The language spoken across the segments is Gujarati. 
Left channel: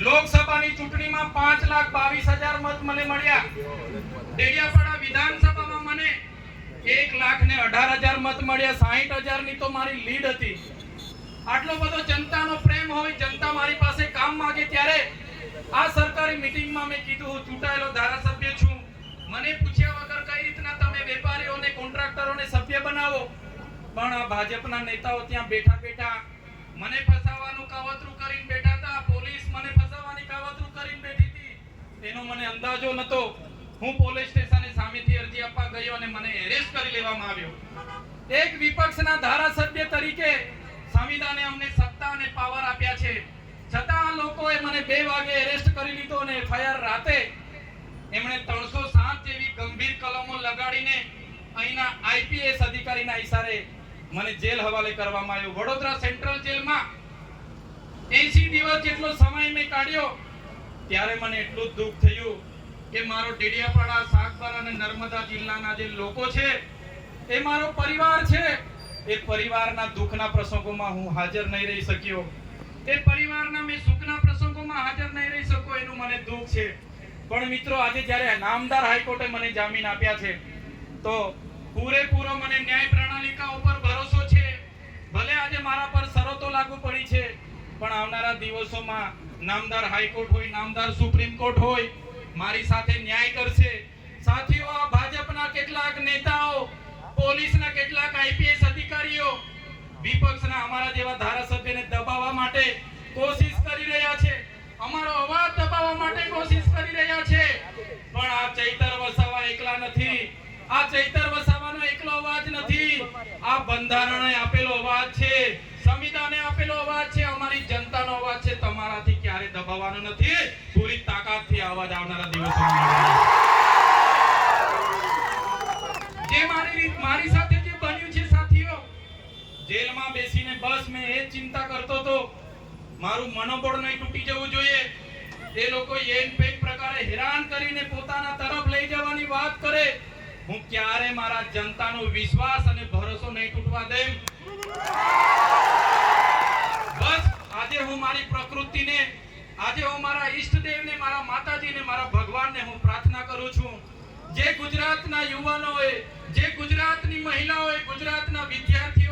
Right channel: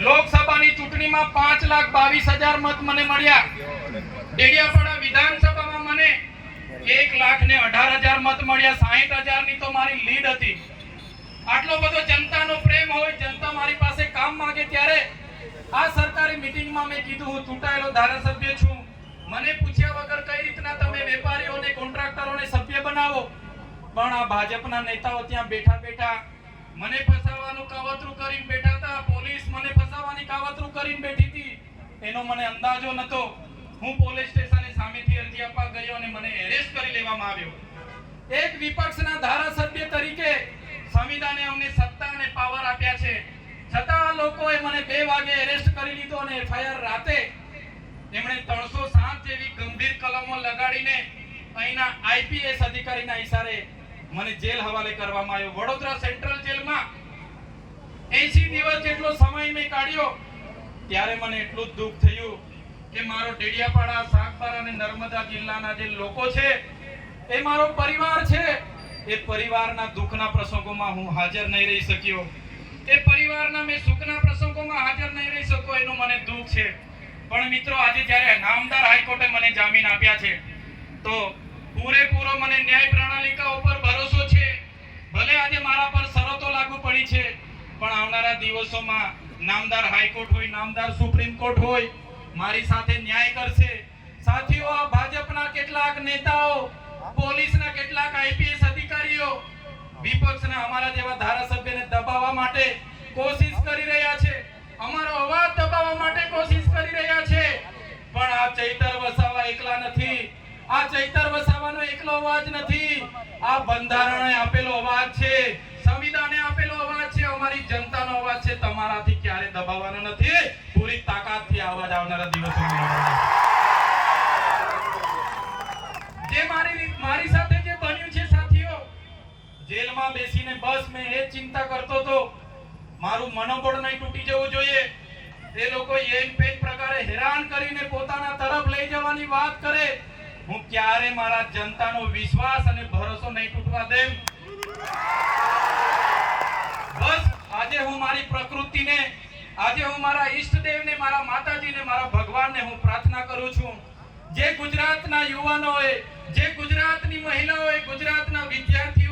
લોકસભાની ચૂંટણીમાં પાંચ લાખ બાવીસ હજાર મત મને મળ્યા. ડેડિયાપાડા વિધાનસભામાં મને એક લાખ ને અઢાર હજાર મત મળ્યા. સાહીઠ હજારની તો મારી લીડ હતી. આટલો બધો જનતાનો પ્રેમ હોય, જનતા મારી પાસે કામ માંગે ત્યારે આ સરકારી મીટિંગમાં મેં કીધું, હું ચૂંટાયેલો ધારાસભ્ય છું. મને પૂછ્યા વગર કઈ રીતના તમે વેપારીઓને, કોન્ટ્રાક્ટરોને સભ્ય બનાવો? પણ આ ભાજપના નેતાઓ ત્યાં બેઠા બેઠા મને ફસાવાનું કાવતરું કરીને બેઠા મને ફસાવાની કાવતરું કરીને બેઠી હતી. એનો મને અંદાજો નતો. હું પોલીસ સ્ટેશને સામેથી અરજી આપવા ગયો અને મને એરેસ્ટ કરી લેવામાં આવ્યો. એક વિપક્ષના ધારાસભ્ય તરીકે સંવિધાને અમને સત્તા અને પાવર આપ્યા છે. છતાં આ લોકોએ મને બે વાગે એરેસ્ટ કરી લીધો અને એફઆઈઆર રાતે એમણે 307 જેવી ગંભીર કલમો લગાડીને અહીંના આઈપીએસ અધિકારીના ઈશારે મને જેલ હવાલે કરવામાં આવ્યો. વડોદરા સેન્ટ્રલ જેલમાં 80 દિવસ જેટલો સમય મેં કાઢ્યો, ત્યારે મને એટલું જ દુઃખ થયું કે મારો ડેડિયાપાડા સાગબારા અને નર્મદા જિલ્લાના જે લોકો છે, એ મારો પરિવાર છે. એ પરિવારના દુઃખના પ્રસંગોમાં હું હાજર નહીં રહી શક્યો. એ પરિવારના મેં સુખના પ્રસંગોમાં હાજર નહીં રહી શકો એનું મને દુઃખ છે. પણ મિત્રો, આજે જ્યારે નામદાર હાઈકોર્ટે મને જામીન આપ્યા છે, તો પૂરેપૂરો મને ન્યાય પ્રણાલિકા ઉપર ભરોસો છે. ભલે આજે મારા પર શરતો લાગુ પડી છે પણ આવનારા દિવસોમાં નામદાર હાઈકોર્ટ હોય, નામદાર સુપ્રીમ કોર્ટ હોય, મારી સાથે ન્યાય કરશે. સાથીઓ, આ ભાજપના કેટલાક નેતાઓ, પોલીસના કેટલાક આઈપીએસ અધિકારીઓ વિપક્ષના અમારા જેવા ધારાસભ્યને દબાવવા માટે કોશિશ કરી રહ્યા છે. અમારો અવાજ દબાવવા માટે કોશિશ કરી રહ્યા છે. પણ આ ચૈતર વસાવા એકલા નથી. આ ચૈતર વસાવાનો એકલો અવાજ નથી. આ બંધારણે આપેલો જેલમાં બેસીને બસ મેં એ ચિંતા કરતો હતો. મારું મનોબળ નહીં તૂટી જવું જોઈએ. એ લોકો એમ પેન પ્રકારે હેરાન કરીને પોતાના તરફ લઈ જવાની વાત કરે. હું ક્યારે મારા જનતાનો વિશ્વાસ અને ભરોસો નહીં તૂટવા દેમ? બસ, આજે હું મારી પ્રકૃતિને, આજે હું મારા ઈષ્ટદેવને, મારા માતાજીને, મારા ભગવાનને હું પ્રાર્થના કરું છું. જે ગુજરાતના યુવાનોએ, જે ગુજરાતની મહિલાઓએ ગુજરાતના વિદ્યાર્થીઓ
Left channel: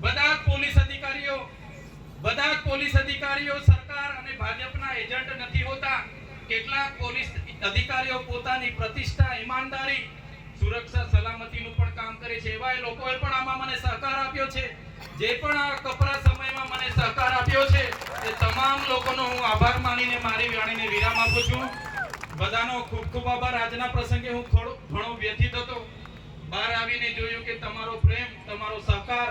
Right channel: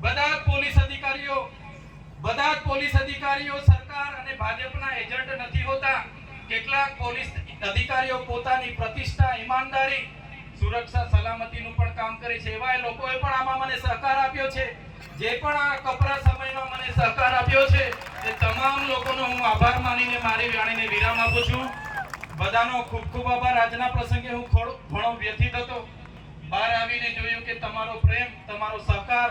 બધા પોલીસ અધિકારીઓ, બધા પોલીસ અધિકારીઓ, સરકાર અને ભાજપના એજન્ટ નથી હોતા. કેટલાક પોલીસ અધિકારીઓ પોતાની પ્રતિષ્ઠા, ઈમાનદારી, સુરક્ષા, સલામતીનું પણ કામ કરે છે. એવા લોકોએ પણ આમાં મને સહકાર આપ્યો છે. જે પણ આ કપરા સમયમાં મને સહકાર આપ્યો છે, એ તમામ લોકોનો હું આભાર માનીને મારી વાણીને વિરામ આપું છું. બધાનો ખૂબ ખૂબ આભાર. આજના પ્રસંગે હું ઘણો વ્યથિત હતો. બહાર આવીને જોયું કે તમારો પ્રેમ, તમારો સહકાર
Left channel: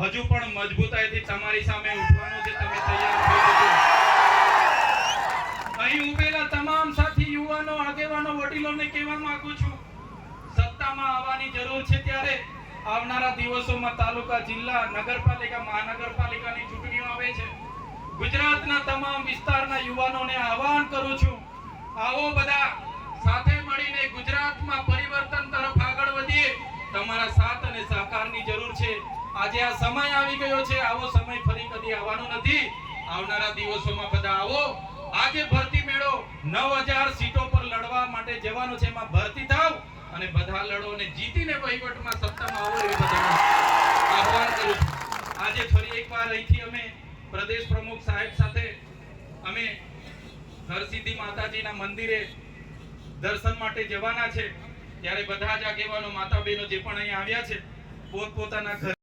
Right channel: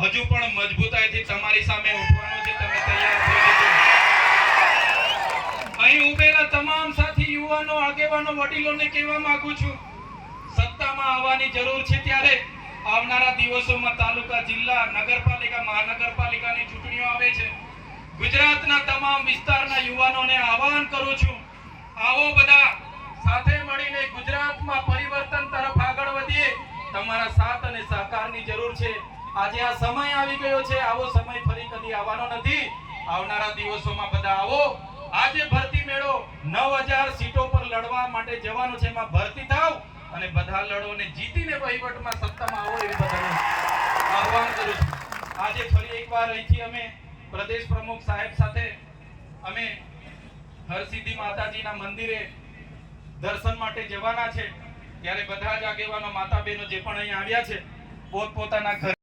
હજુ પણ મજબૂતાઈથી તમારી સામે ઉઠવાનો છે, તમે તૈયાર થઈ અહીં ઉભેલા તમામ સાથી યુવાનો, આગેવાનો, વડીલોને કહેવા માંગુ છું, સત્તામાં આવવાની જરૂર છે ત્યારે આવનારા દિવસોમાં તાલુકા, જિલ્લા, નગરપાલિકા, મહાનગરપાલિકાની ચૂંટણીઓ આવે છે. ગુજરાતના તમામ વિસ્તારના યુવાનોને આહવાન કરું છું, આવો બધા સાથે મળીને ગુજરાતમાં પરિવર્તન તરફ આગળ વધીએ. તમારા સાથ અને સહકારની જરૂર છે. આજે આ સમય આવી ગયો છે. આવો સમય ફરી કદી આવવાનો નથી. આવનારા દિવસોમાં બધા આવો. આજે ભરતી મેળો 9000 સીટો પર લડવા માટે જવાનો છે. એમાં ભરતી થાવ અને બધા લડો અને જીતીને વહીવટમાં સત્તામાં આવો એવી બધાને આહવાન કરું છું. આજે ફરી એકવાર અહીંથી અમે પ્રદેશ પ્રમુખ સાહેબ સાથે અમે હરસિદ્ધિ માતાજીના મંદિરે દર્શન માટે જવાના છે. ત્યારે બધા જ આગેવાનો માતા બહેનો જે પણ અહીંયા આવ્યા છે, પોતપોતાના ઘર